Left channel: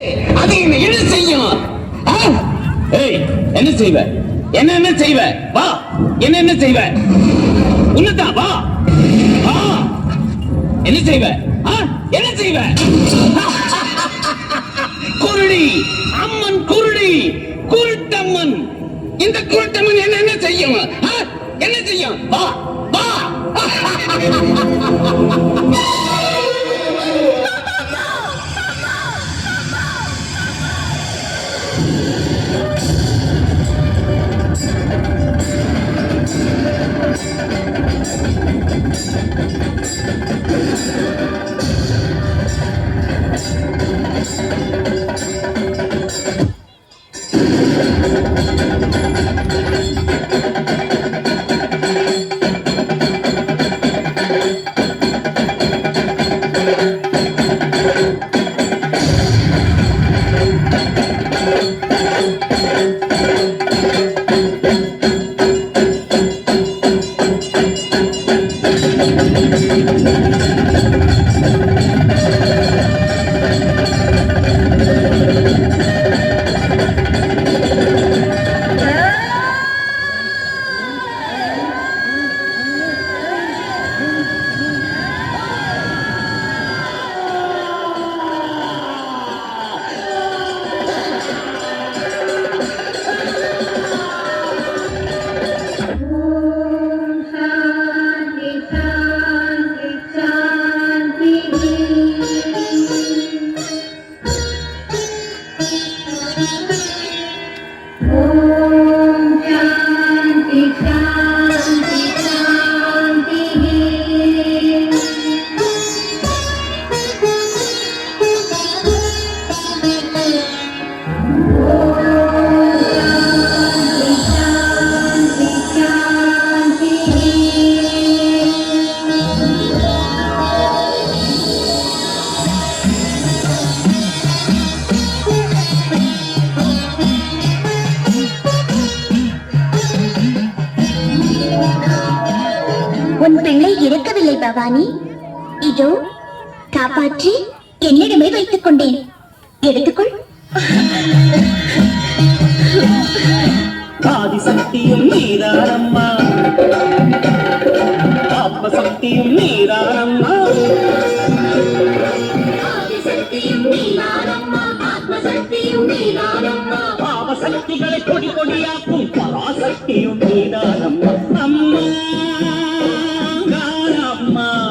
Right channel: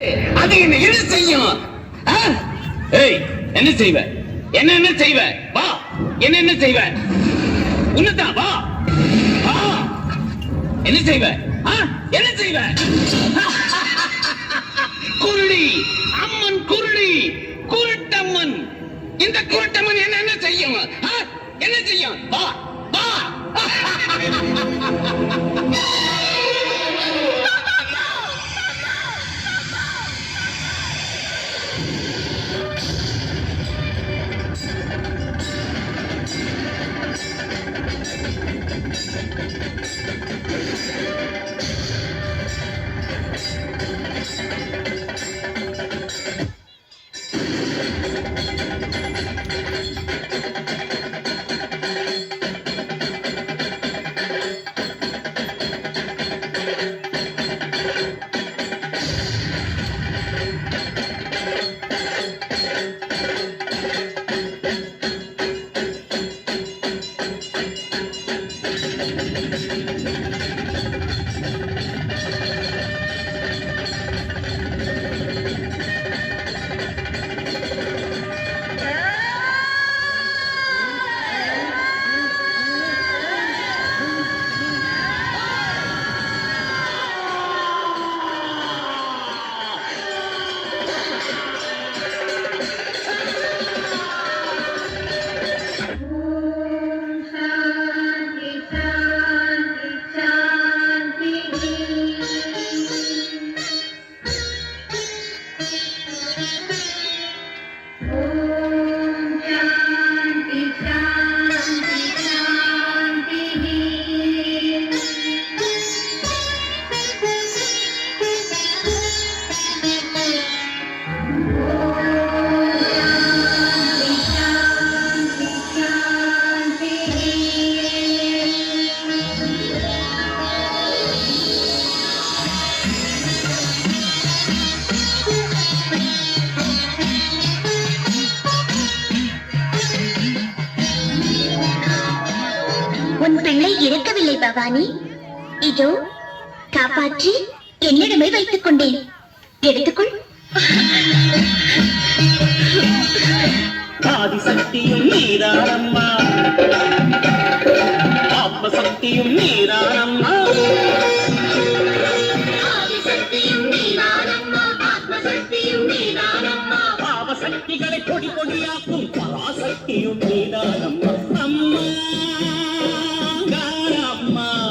அது என்ன செய்யும்? என்ன செய்வ? என்ன செய்வ? வா, என்ன செய்வ? உன்னதான் வா, என்ன செய்வ? என்ன செய்வ? குருடி அம்மன், குருடி குருட்டம்மன். இந்த குருட்டம்மன் என்ன செய்யும்? என்ன செய்யும்? வா வா. உன் பிள்ளை இறக்கவில்லை பவானி. இதோ காப்பாற்றி என்னிடமே வைத்துக் கொண்டேன். எடுத்துக்கொள். ஆதிசக்தியும் நீதானம்மா, ஆத்மசக்தியும் நீதானம்மா. பாவசக்திகளை கொடி கொடியாக்கும் பராசக்தியும்